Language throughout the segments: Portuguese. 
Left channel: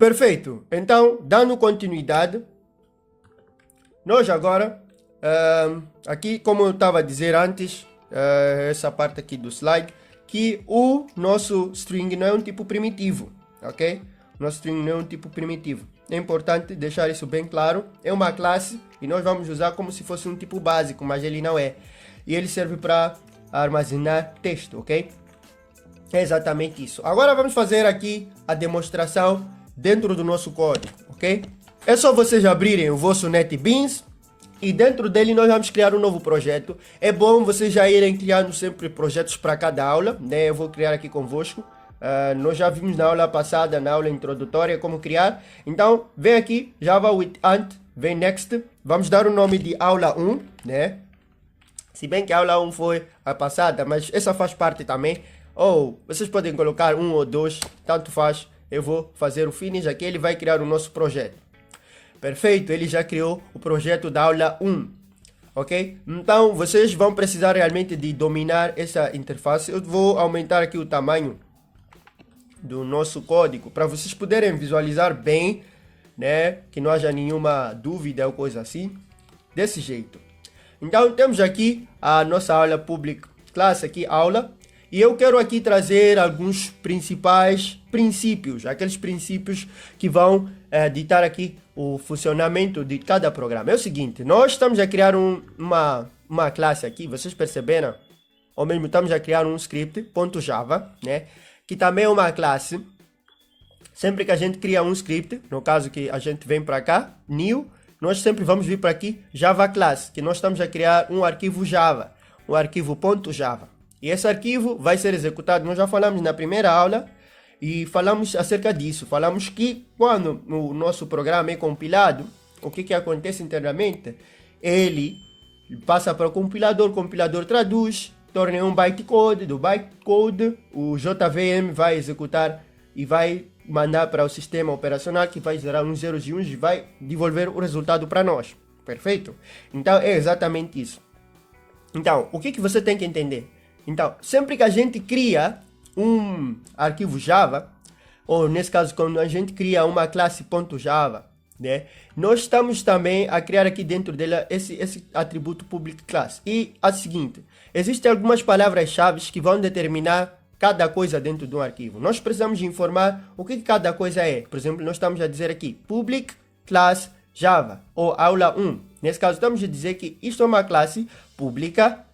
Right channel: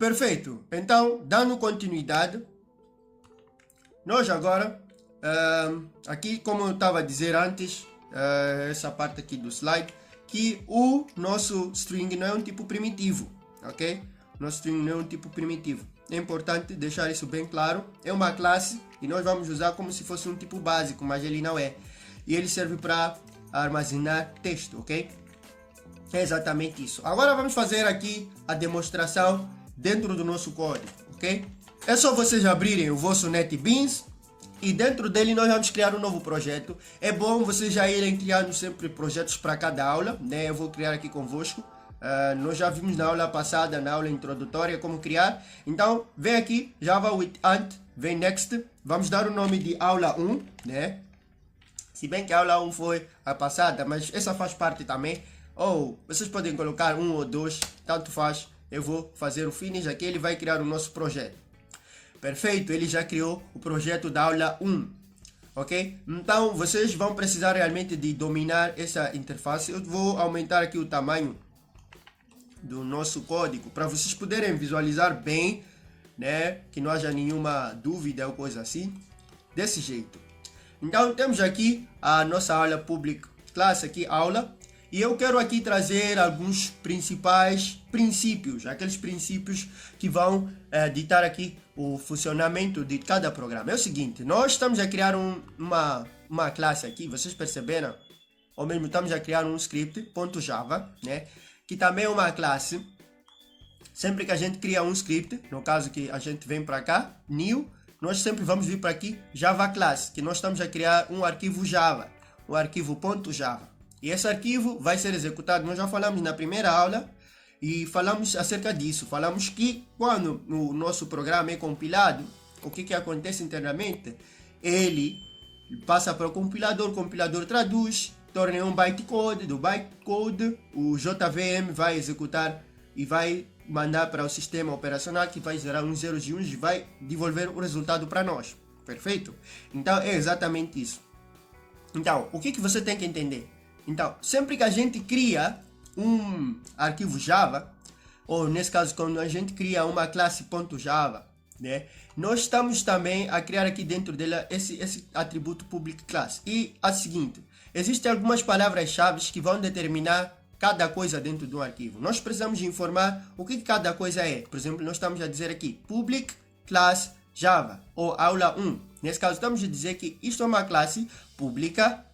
Perfeito. Então, dando continuidade, nós agora, aqui como eu estava a dizer antes, essa parte aqui do slide, que o nosso string não é um tipo primitivo, ok? Nosso string não é um tipo primitivo. É importante deixar isso bem claro. É uma classe e nós vamos usar como se fosse um tipo básico, mas ele não é. E ele serve para armazenar texto, ok? É exatamente isso. Agora vamos fazer aqui a demonstração dentro do nosso código, ok? É só vocês abrirem o vosso NetBeans e dentro dele nós vamos criar um novo projeto. É bom vocês já irem criando sempre projetos para cada aula, né? Eu vou criar aqui convosco. Nós já vimos na aula passada, na aula introdutória, como criar. Então, vem aqui, Java with Ant, vem Next. Vamos dar o nome de aula 1, né? Se bem que a aula 1 foi a passada, mas essa faz parte também. Ou vocês podem colocar 1 ou 2, tanto faz. Eu vou fazer o finish aqui, ele vai criar o nosso projeto. Perfeito, ele já criou o projeto da aula 1. Ok? Então, vocês vão precisar realmente de dominar essa interface. Eu vou aumentar aqui o tamanho do nosso código para vocês poderem visualizar bem, né? Que não haja nenhuma dúvida ou coisa assim. Desse jeito. Então, temos aqui a nossa aula public class, aqui aula. E eu quero aqui trazer alguns principais princípios, aqueles princípios que vão ditar aqui o funcionamento de cada programa. É o seguinte, nós estamos a criar uma classe aqui, vocês perceberam? Ou mesmo estamos a criar um script, .java, né? Que também é uma classe. Sempre que a gente cria um script, no caso que a gente vem para cá, new, nós sempre vamos vir para aqui, Java class, que nós estamos a criar um arquivo Java, o arquivo .java. E esse arquivo vai ser executado, nós já falamos na primeira aula, e falamos acerca disso. Falamos que quando o nosso programa é compilado, o que acontece internamente? Ele passa para o compilador traduz, torna em um bytecode, do bytecode o JVM vai executar e vai mandar para o sistema operacional que vai gerar uns zeros e uns e vai devolver o resultado para nós. Perfeito? Então é exatamente isso. Então, o que você tem que entender? Então, sempre que a gente cria um arquivo Java, ou nesse caso quando a gente cria uma classe .java, né, nós estamos também a criar aqui dentro dela esse atributo public class. E a seguinte, existem algumas palavras-chave que vão determinar cada coisa dentro de um arquivo. Nós precisamos informar o que cada coisa é. Por exemplo, nós estamos a dizer aqui public class Java, ou aula 1. Nesse caso, estamos a dizer que isto é uma classe pública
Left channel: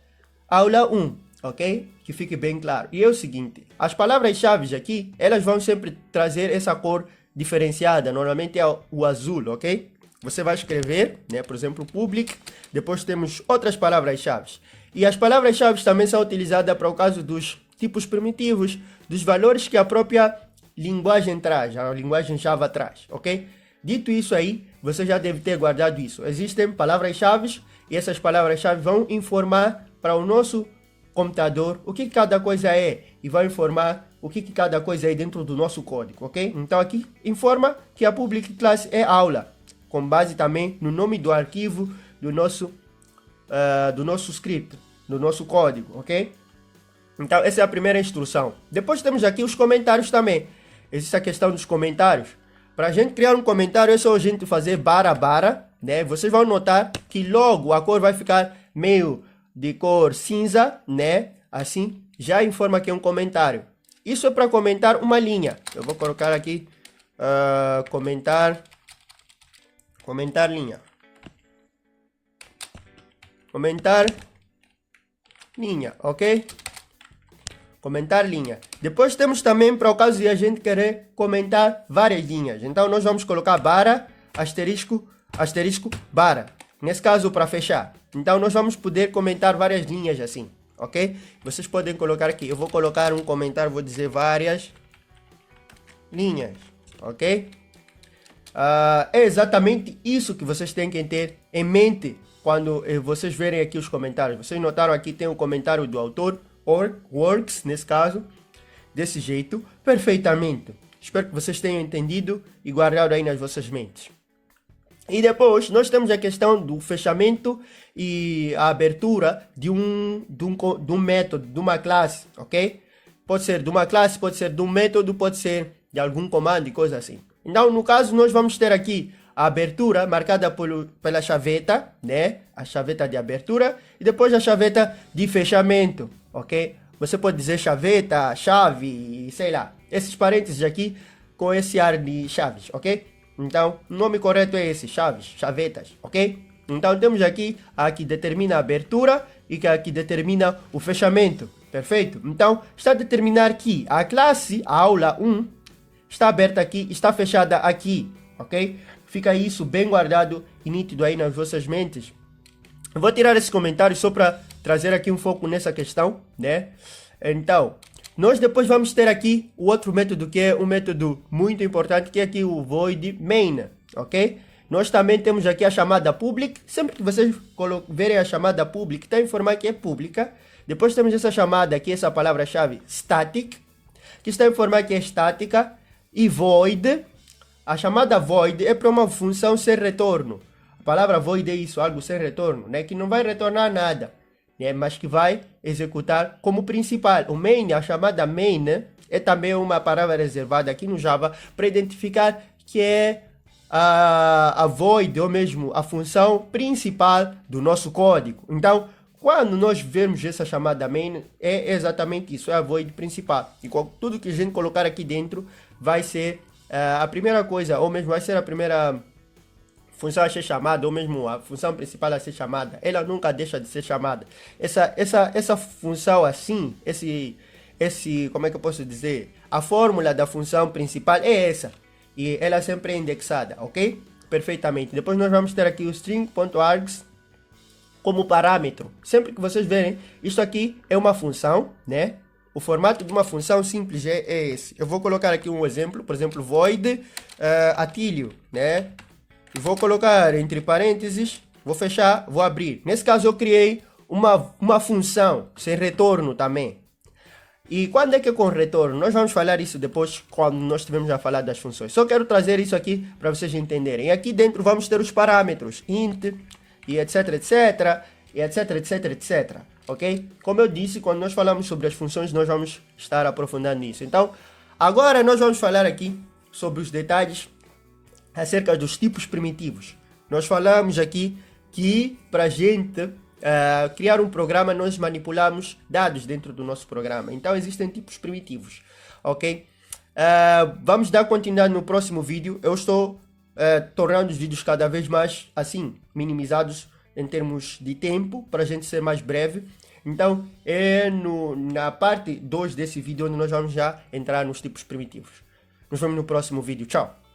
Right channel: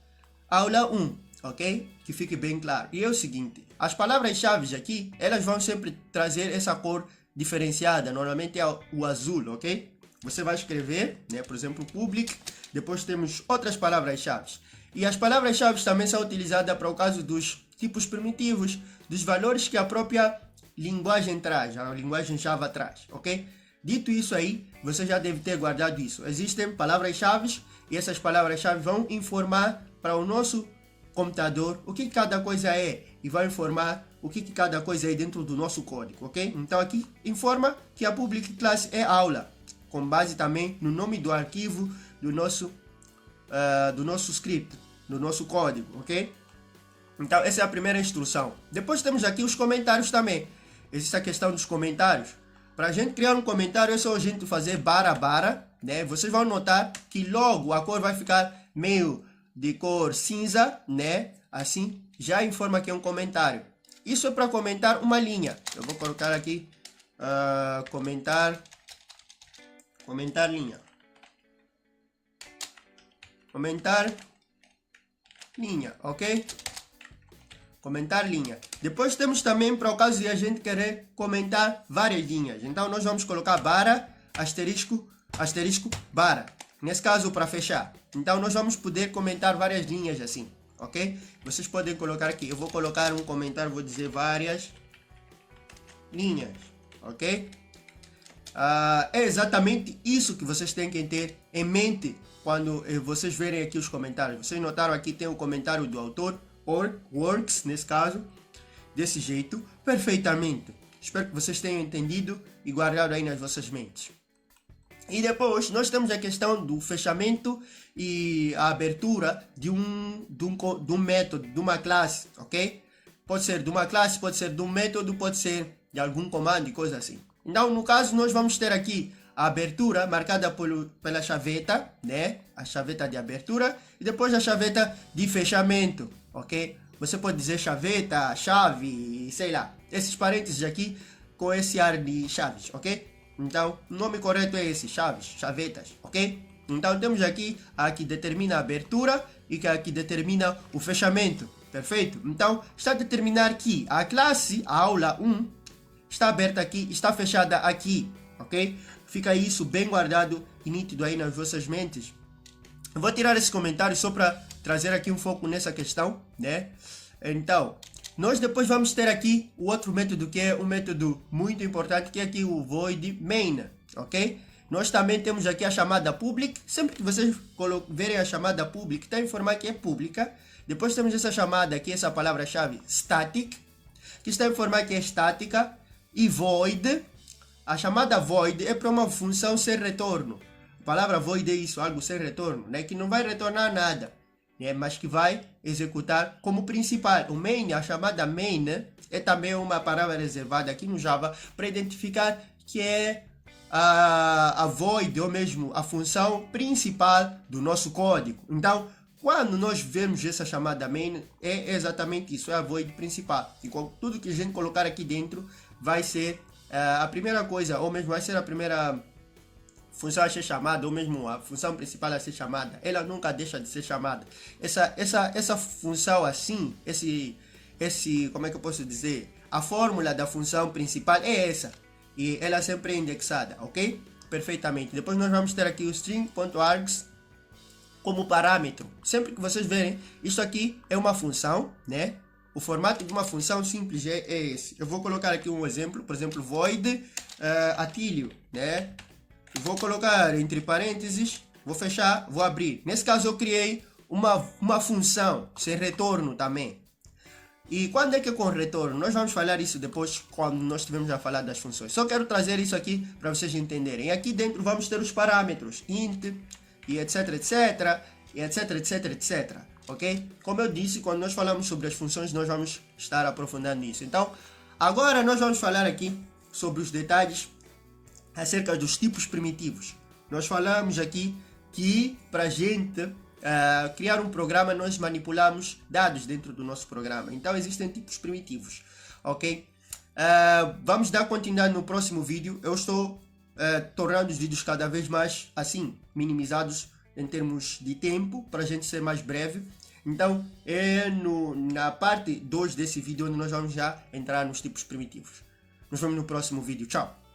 aula 1. Ok? Que fique bem claro. E é o seguinte, as palavras-chave aqui, elas vão sempre trazer essa cor diferenciada, normalmente é o azul, ok? Você vai escrever, né, por exemplo, public, depois temos outras palavras-chave. E as palavras-chave também são utilizadas para o caso dos tipos primitivos, dos valores que a própria linguagem traz, a linguagem Java traz, ok? Dito isso aí, você já deve ter guardado isso. Existem palavras-chave e essas palavras-chave vão informar para o nosso computador o que cada coisa é e vai informar o que cada coisa é dentro do nosso código, ok? Então aqui informa que a public class é aula, com base também no nome do arquivo do nosso script, do nosso código, ok? Então essa é a primeira instrução. Depois temos aqui os comentários também. Existe a questão dos comentários. Para a gente criar um comentário é só a gente fazer barra, né? Vocês vão notar que logo a cor vai ficar meio de cor cinza, né? Assim, já informa que é um comentário. Isso é para comentar uma linha. Eu vou colocar aqui, comentar linha. Comentar linha, ok? Comentar linha. Depois temos também para o caso de a gente querer comentar várias linhas. Então nós vamos colocar barra, asterisco, barra. Nesse caso, para fechar. Então, nós vamos poder comentar várias linhas assim, ok? Vocês podem colocar aqui. Eu vou colocar um comentário, vou dizer várias linhas, ok? É exatamente isso que vocês têm que ter em mente quando vocês verem aqui os comentários. Vocês notaram aqui tem o comentário do autor, or works, nesse caso, desse jeito, perfeitamente. Espero que vocês tenham entendido e guardado aí nas vossas mentes. E depois nós temos a questão do fechamento e a abertura de um método, de uma classe, ok? Pode ser de uma classe, pode ser de um método, pode ser de algum comando e coisa assim. Então, no caso, nós vamos ter aqui a abertura marcada pela chaveta, né? A chaveta de abertura e depois a chaveta de fechamento, ok? Você pode dizer chaveta, chave, sei lá. Esses parênteses aqui com esse ar de chaves, ok? Então, o nome correto é esse, chaves, chavetas, ok? Então, temos aqui a que determina a abertura e a que determina o fechamento, perfeito? Então, está a determinar que a classe, a aula 1, está aberta aqui, está fechada aqui, ok? Fica isso bem guardado e nítido aí nas vossas mentes. Eu vou tirar esse comentário só para trazer aqui um foco nessa questão, né? Então, nós depois vamos ter aqui o outro método, que é um método muito importante, que é aqui o void main, ok? Nós também temos aqui a chamada public. Sempre que vocês verem a chamada public, está a informar que é pública. Depois temos essa chamada aqui, essa palavra-chave static, que está a informar que é estática. E void, a chamada void é para uma função sem retorno. A palavra void é isso, algo sem retorno, né? Que não vai retornar nada, né? Mas que vai executar como principal. O main, a chamada main, é também uma palavra reservada aqui no Java para identificar que é a void, ou mesmo a função principal do nosso código. Então, quando nós vemos essa chamada main, é exatamente isso, é a void principal. E tudo que a gente colocar aqui dentro vai ser a primeira coisa, ou mesmo vai ser a primeira função a ser chamada, ou mesmo a função principal a ser chamada. Ela nunca deixa de ser chamada. Essa função assim, como é que eu posso dizer? A fórmula da função principal é essa. E ela sempre é indexada, ok? Perfeitamente. Depois nós vamos ter aqui o string.args como parâmetro. Sempre que vocês verem, isso aqui é uma função, né? O formato de uma função simples é esse. Eu vou colocar aqui um exemplo, por exemplo, void atilho, né? Vou colocar entre parênteses, vou fechar, vou abrir. Nesse caso eu criei uma função sem retorno também. E quando é que é com retorno? Nós vamos falar isso depois, quando nós estivermos a falar das funções. Só quero trazer isso aqui para vocês entenderem. E aqui dentro vamos ter os parâmetros, int, e etc, etc, e etc, etc, etc. Ok? Como eu disse, quando nós falamos sobre as funções, nós vamos estar aprofundando nisso. Então, agora nós vamos falar aqui sobre os detalhes acerca dos tipos primitivos. Nós falamos aqui que para a gente criar um programa, nós manipulamos dados dentro do nosso programa. Então, existem tipos primitivos, ok? Vamos dar continuidade no próximo vídeo. Eu estou tornando os vídeos cada vez mais, assim, minimizados em termos de tempo, para a gente ser mais breve. Então, na parte 2 desse vídeo, onde nós vamos já entrar nos tipos primitivos. Nos vemos no próximo vídeo. Tchau!